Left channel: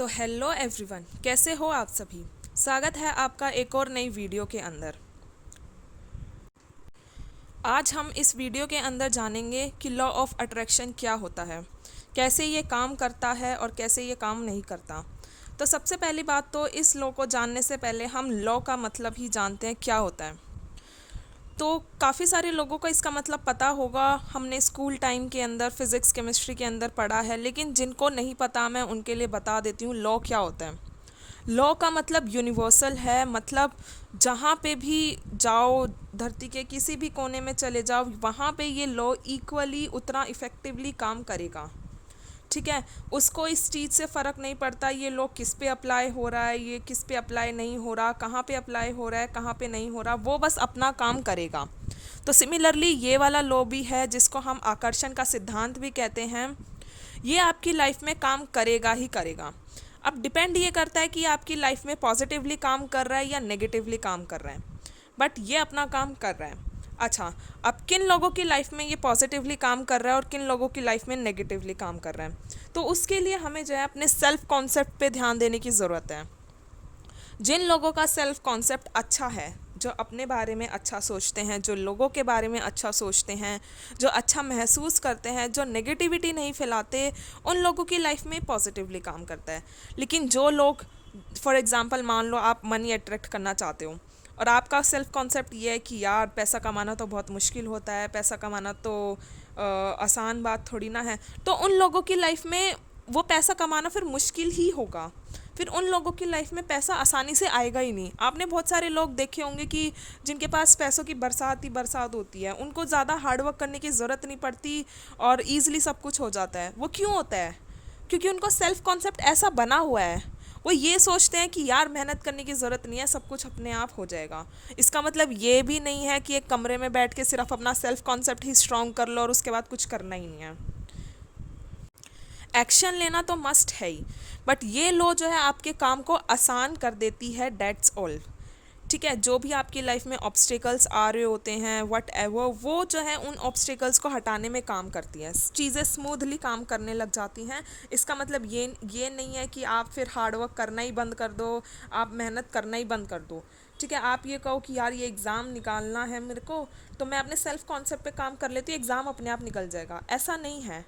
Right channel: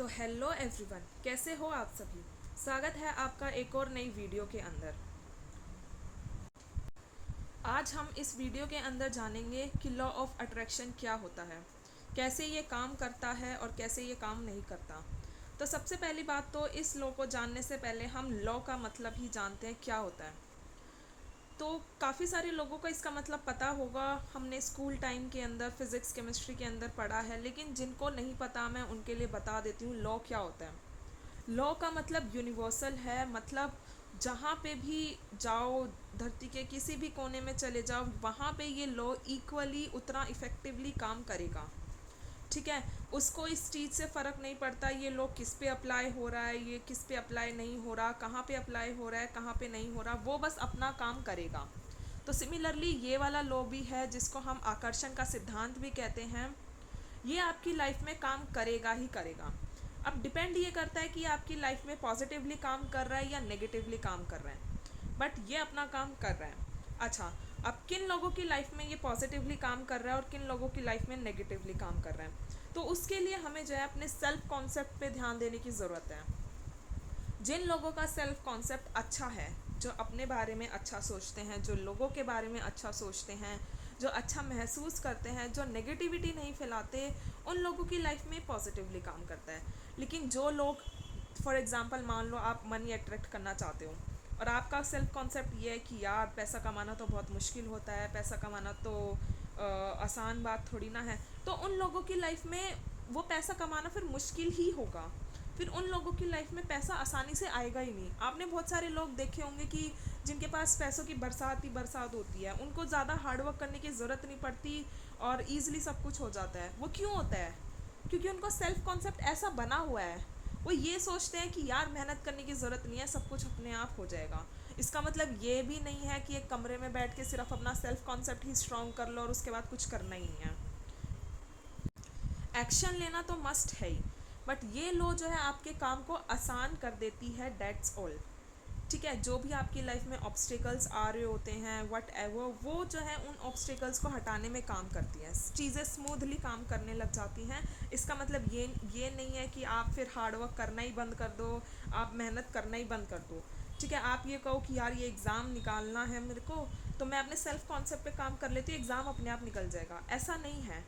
तो hello everyone, कैसे हो आप सभी। स्वागत है आपका एक और नई वीडियो के अंदर। आज हम इस वीडियो के अंदर जानेंगे कि लॉ ऑफ अट्रैक्शन क्या होता है, कैसे ये काम करता है और कैसे ये काम नहीं करता। तो सबसे पहली बात तो इस लॉ को जानने से पहले हम लॉ का मतलब ही जानते हैं क्या होता है। तो काफ़ी सारे लोगों को इसका मतलब पता होगा, हमने स्कूल टाइम के अंदर फिज़िक्स केमिस्ट्री के अंदर पढ़ा है, लेकिन जिनको नहीं पता मैं उनके लिए बता देती हूँ लॉ क्या होता है। लॉ का मतलब यूनिवर्सल है, मतलब जहाँ पे भी जाओ, धरती के किसी भी कोने में चले जाओ, वहाँ पे ये लॉ इक्वली उतना इफ़ेक्टिवली काम करेगा। ठीक है, उसको इस चीज़ से फ़र्क नहीं पड़ता ये लॉ किस पे अप्लाई हो रहा है, ये किस पे अप्लाई नहीं हो रहा, कहाँ पे अप्लाई हो रहा है, कहाँ पे नहीं हो रहा, वो बस अपना काम करेगा। तो सिमिलरली ये वाला लॉ भी है जिसको हम आकर्षण का सिद्धांत भी कहते हैं। ये आपकी लाइफ में काम करेगा ही करेगा। अब डिपेंड ये करता है कि आपकी लाइफ में पॉजिटिवली काम कर रहा है या नेगेटिवली काम कर रहा है, बट ये अपना काम कर रहा है। अच्छा, अब किन लोगों की लाइफ में ये पॉजिटिवली काम कर रहा है और किन लोगों की लाइफ में नेगेटिवली काम कर रहा है, तो उसके लिए हमें जो है अपने सेल्फ कॉन्सेप्ट पे ध्यान देने की ज़रूरत है। जिन लोगों का सेल्फ कॉन्सेप्ट अच्छा है, जो अपने बारे में अच्छा सोचते हैं, जो लोगों के बारे में अच्छा सोचते हैं, जो अच्छा महसूस करते हैं, जो नेगेटिविटी नहीं फैलाते, उन लोगों की लाइफ में पॉजिटिवली काम करता है। लेकिन जो लोग, फॉर एग्ज़ाम्पल मान लो आप मनी अट्रैक्ट करना चाहते हो और आपका सेल्फ कॉन्सेप्ट ये है कि यार पैसा कमाना तो बहुत मुश्किल होता है, पैसा कमाना तो आसान बात थोड़ी ना है, तो उन लोगों की लाइफ में वो पैसा कमाना फिर मुश्किल ही होगा। फिर उन लोगों की लाइफ में पैसा आसानी से आएगा ही नहीं। आपने बहुत सारे लोग देखे होंगे कि जिनके पास पैसों की बरसात ही बरसात होती है, उनको ज़्यादा हार्डवर्क करने की ज़रूरत नहीं पड़ती और ईज़िली सब कुछ हो जाता है। वो क्यों होता है? क्योंकि उनको सेल्फ कॉन्सेप्ट ऐसा बना हुआ है, वो ये सोचते हैं कि यार मेहनत करने की ज़रूरत नहीं है, सब कुछ अपने आप हो जाएगा। इसका मतलब ये भी नहीं है कि एक कमरे में बैठ के सिर्फ अपना सेल्फ कॉन्सेप्ट ही स्ट्रॉन्ग कर लो और उसके बाद कुछ करना ही नहीं है। एक्शन लेना तो मस्ट है ही, बट ये लो जो है आपके काम को आसान कर देती है, डेट्स ऑल। ठीक है, जो भी आपकी लाइफ में ऑब्स्टिकल्स आ रहे होते हैं वट एवर, वो जो है उन ऑब्स्टिकल्स को हटाने में काम करती हैं, चीज़ें स्मूथली काम करने लग जाती हैं। इसका मतलब ये नहीं है कि आप फिर हार्डवर्क करना ही बंद कर दो, आप मेहनत करना ही बंद कर दो। ठीक है, आप ये कहो कि यार ये एग्ज़ाम निकालना है मेरे को, तो मैं अपने सेल्फ कॉन्सेप्ट पे काम कर लेती हूँ, एग्ज़ाम अपने आप निकल जाएगा, ऐसा नहीं है।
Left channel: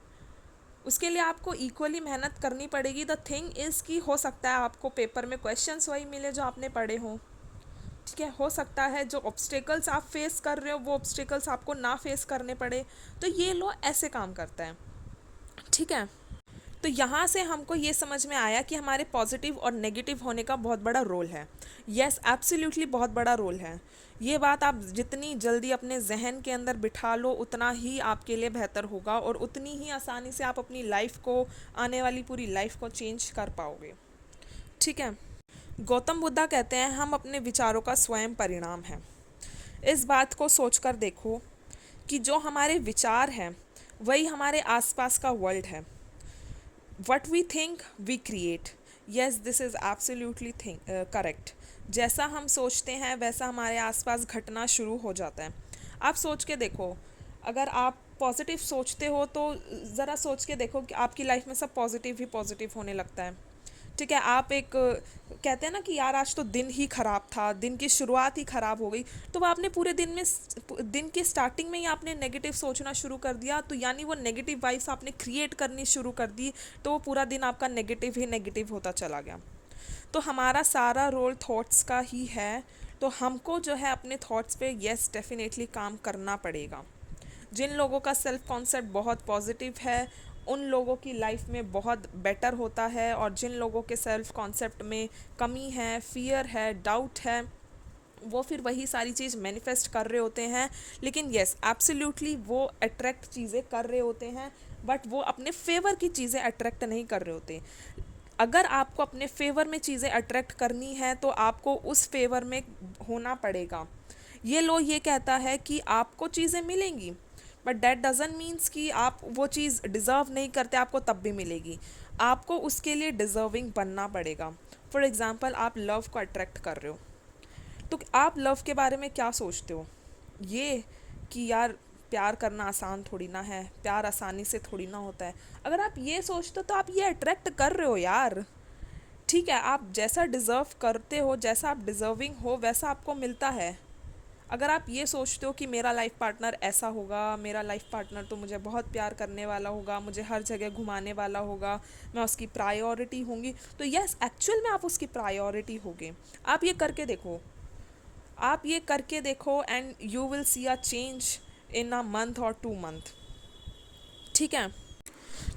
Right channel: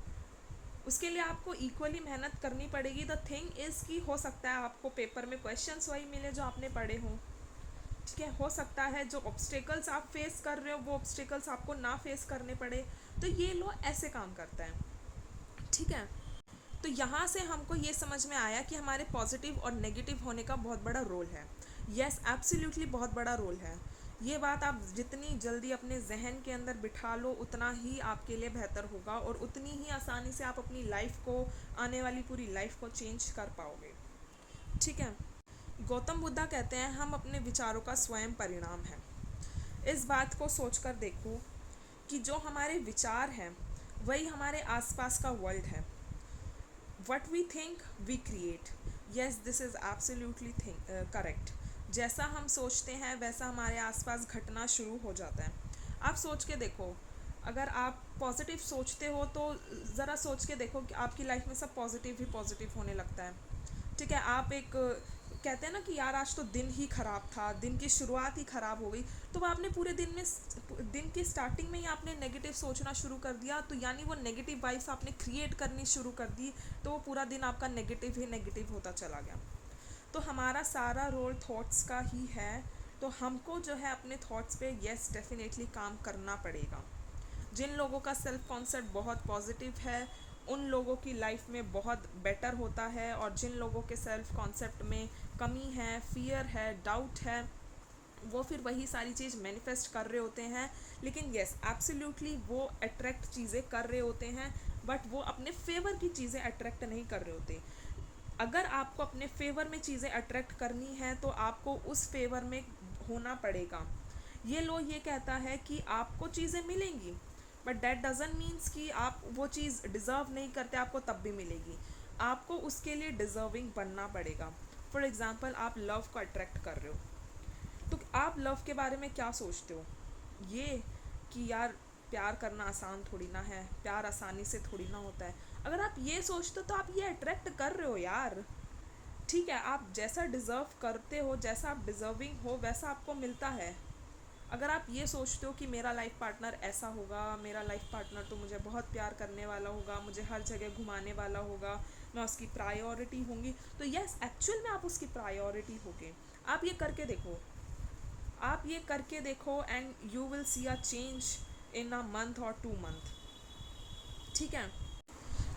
उसके लिए आपको इक्वली मेहनत करनी पड़ेगी। द थिंग इज़ कि हो सकता है आपको पेपर में क्वेश्चंस वही मिले जो आपने पढ़े हों। ठीक है, हो सकता है जो ऑब्स्टिकल्स आप फेस कर रहे हो वो ऑब्स्टिकल्स आपको ना फेस करने पड़े। तो ये लो ऐसे काम करता है। ठीक है, तो यहाँ से हमको ये समझ में आया कि हमारे पॉजिटिव और नेगेटिव होने का बहुत बड़ा रोल है। यस, एब्सोल्युटली बहुत बड़ा रोल है। ये बात आप जितनी जल्दी अपने जहन के अंदर बिठा लो उतना ही आपके लिए बेहतर होगा और उतनी ही आसानी से आप अपनी लाइफ को, आने वाली पूरी लाइफ को चेंज कर पाओगे। ठीक है, गौतम बुद्धा कहते हैं हम अपने विचारों का स्वयं परिणाम हैं। इस बात को सोचकर देखो कि जो हमारे विचार हैं वही हमारे आसपास का वर्ल्ड है। What we think we create. Yes, this is absolutely think correct. जैसा हम सोचते हैं वैसा हमारे आसपास घटना शुरू हो जाता है। आप सोच के देखो, अगर आप पॉजिटिव सोचते हो तो ज़रा सोच के देखो कि आपकी लाइफ में सब पॉजिटिव ही पॉजिटिव होने लगता है। ठीक है, आप एक कहते हैं ना कि यार आज तो दिन ही ख़राब था, दिन की शुरुआत ही ख़राब हो गई, तो वो आपने पूरे दिन में, दिन की स्टार्टिंग में ही आपने नेगेटिव सोचना शुरू कर दिया, तो यानी वो नेगेटिव वाइब्स आपने क्रिएट करनी शुरू कर दी, तो वो पूरा दिन आपका नेगेटिव ही नेगेटिव होता चला गया। तो हमारा सारा रोल थॉट्स का ही है। तो हमको जो है अपने थॉट्स पे यस डेफिनेटली काम करना पड़ेगा। जिन लोगों का सेल्फ कॉन्सेप्ट बहुत पॉजिटिव है उन लोगों की लाइफ में बहुत बेटर होता है, और जिन लोगों के सेल्फ कॉन्सेप्ट में कमी है, फियर है, डाउट है, वो फिर वही सारी चीज़ मैनिफेस्ट कर रहे होते हैं। लेकिन यस, एब्सोल्युटली वो अट्रैक्ट चीज़ें कर रहे होते हैं, बट वो अपने फेवर की चीज़ें अट्रैक्ट नहीं कर रहे होते। अगर आपको अपने फेवर में चीज़ें अट्रैक्ट करनी है तो आपको उस फेवर में होना पड़ेगा। ये लो ये कहता है कि आपको चीज़ें मिलेंगी, बट डैट डजंट मीन्स कि आप वो चीज़ डिज़र्व नहीं करते आपको तब भी मिलेगी। आपको उसके लिए डिज़र्विंग बनना पड़ेगा। फॉर एग्ज़ाम्पल, आप लव को अट्रैक्ट कर रहे हो, तो आप लव के बारे में क्या सोचते हो? ये कि यार प्यार करना आसान थोड़ी ना है, प्यार आसानी से थोड़ी ना होता है। अगर आप ये सोचते हो तो आप ये अट्रैक्ट कर रहे हो यार। ठीक है, आप जैसा डिज़र्व करते हो, जैसा आप डिज़र्विंग हो, वैसा आपको मिलता है। अगर आप ये सोचते हो कि मेरा लाइफ पार्टनर ऐसा होगा, मेरा लाइफ पार्टनर तो मुझे बहुत प्यार करने वाला होगा, मुझे हर जगह घुमाने वाला होगा, मैं उसकी प्रायोरिटी होंगी, तो यस, एक्चुअल में आप उसकी प्रायोरिटी होगे। आप ये करके देखो, आप ये करके देखो, and you will see a change in a month और 2 मंथ। ठीक है।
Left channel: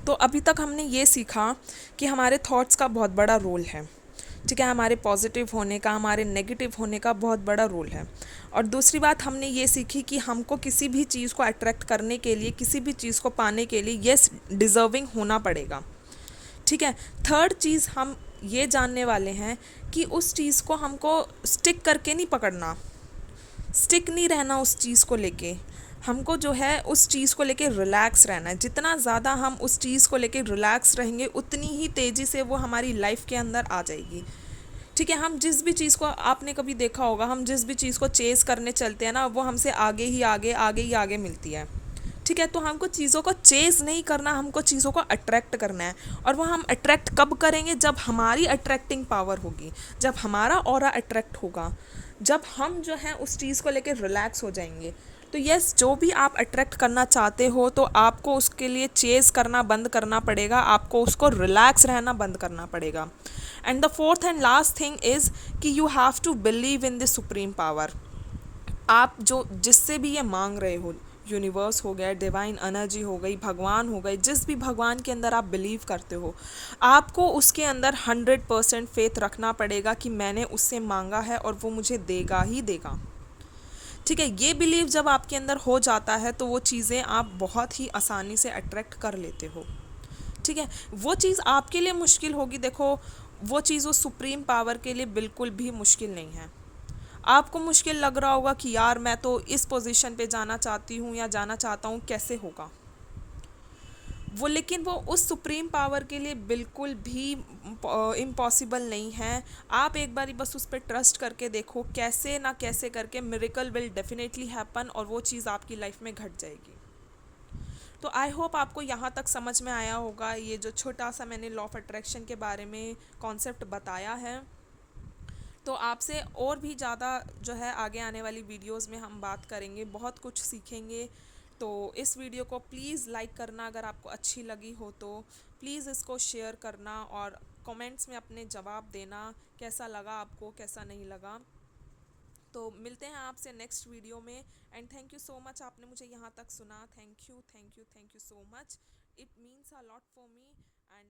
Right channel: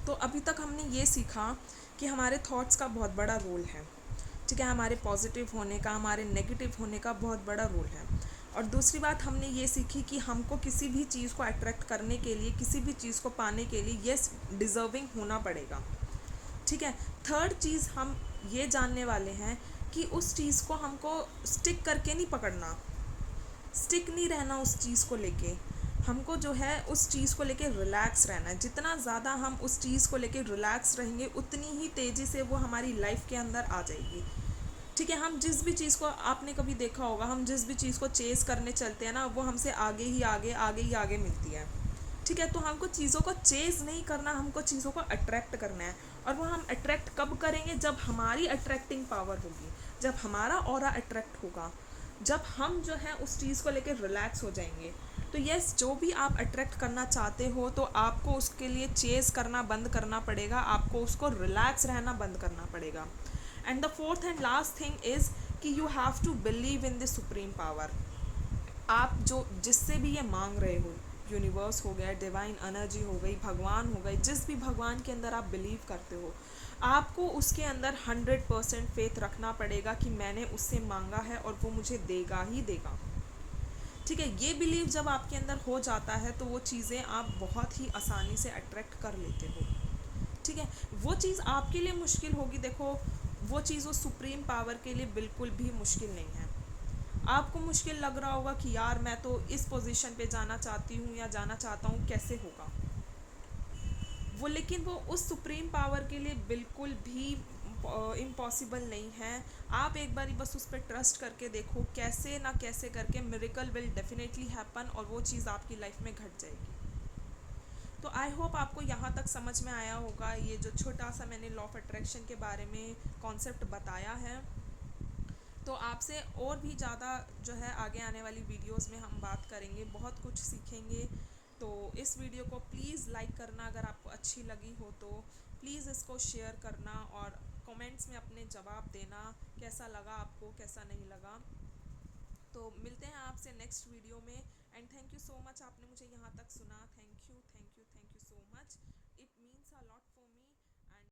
तो अभी तक हमने ये सीखा कि हमारे थॉट्स का बहुत बड़ा रोल है। ठीक है, हमारे पॉजिटिव होने का, हमारे नेगेटिव होने का बहुत बड़ा रोल है। और दूसरी बात हमने ये सीखी कि हमको किसी भी चीज़ को अट्रैक्ट करने के लिए, किसी भी चीज़ को पाने के लिए यस, डिज़र्विंग होना पड़ेगा। ठीक है। थर्ड चीज़ हम ये जानने वाले हैं कि उस चीज़ को हमको स्टिक करके नहीं पकड़ना, स्टिक नहीं रहना उस चीज़ को लेके। हमको जो है उस चीज़ को लेके रिलैक्स रहना है। जितना ज़्यादा हम उस चीज़ को लेके रिलैक्स रहेंगे, उतनी ही तेज़ी से वो हमारी लाइफ के अंदर आ जाएगी। ठीक है, हम जिस भी चीज़ को, आपने कभी देखा होगा, हम जिस भी चीज़ को चेज़ करने चलते हैं ना, वो हमसे आगे ही आगे, आगे ही आगे मिलती है। ठीक है, तो हमको चीज़ों को चेज़ नहीं करना, हमको चीज़ों को अट्रैक्ट करना है। और वो हम अट्रैक्ट कब करेंगे? जब हमारी अट्रैक्टिंग पावर होगी, जब हमारा ऑरा अट्रैक्ट होगा, जब हम जो है उस चीज़ को लेकर रिलैक्स हो जाएंगे। तो यस, जो भी आप अट्रैक्ट करना चाहते हो, तो आपको उसके लिए चेज़ करना बंद करना पड़ेगा, आपको उसको रिलैक्स रहना बंद करना पड़ेगा। And the fourth and last thing is कि you have to believe in the supreme power. आप जो जिससे भी ये मांग रहे हो, यूनिवर्स हो गया, डिवाइन एनर्जी हो गई, भगवान हो गए, जिस भी भगवान के अंदर आप बिलीव करते हो, आपको उसके अंदर 100% फेथ रखना पड़ेगा कि मैंने उससे मांगा है और वो मुझे देगा ही देगा। ठीक है, ये बिलीव जब आपके अंदर हो जाता है, तो वो चीज़ें आप बहुत ही आसानी से अट्रैक्ट कर लेते हो। ठीक है, वो चीज़ आपके लिए मुश्किल होगी, देखो, वो चीज़ उस सुप्रीम पावर के लिए बिल्कुल भी मुश्किल नहीं है। आपको मुश्किल लग रहा होगा कि यार मैं तो इस पोजीशन पे जाना चाहती हूँ या जाना चाहता हूँ, कैसे होगा वो, लेकिन वो उस सुप्रीम पावर के लिए बिल्कुल भी इम्पॉसिबल नहीं है। आप एक बारी बस उस पर ट्रस्ट करके देखो, कैसे ना कैसे करके मिरेकल विल डेफिनेटली हैपन, और वो चीज़ आपकी लाइफ में घट जाएगी। तो आई होप आपको यहाँ तक समझ में आया होगा, ये जो छोटा सा मैंने लॉ ऑफ अट्रैक्शन के बारे में कॉन्सेप्ट बताया है। तो आपसे और भी ज़्यादा जो है आगे आने वाली वीडियोस में हम बात करेंगे, बहुत कुछ सीखेंगे। तो इस वीडियो को प्लीज़ लाइक करना, अगर आपको अच्छी लगी हो तो प्लीज़ इसको शेयर करना, और कमेंट्स में अपने जवाब देना, कैसा लगा आपको, कैसा नहीं लगा। तो मिलते हैं आपसे नेक्स्ट वीडियो में। And thank you so much, आपने मुझे यहाँ तक सुना। Thank you, thank you, thank you so much. It means a lot for me.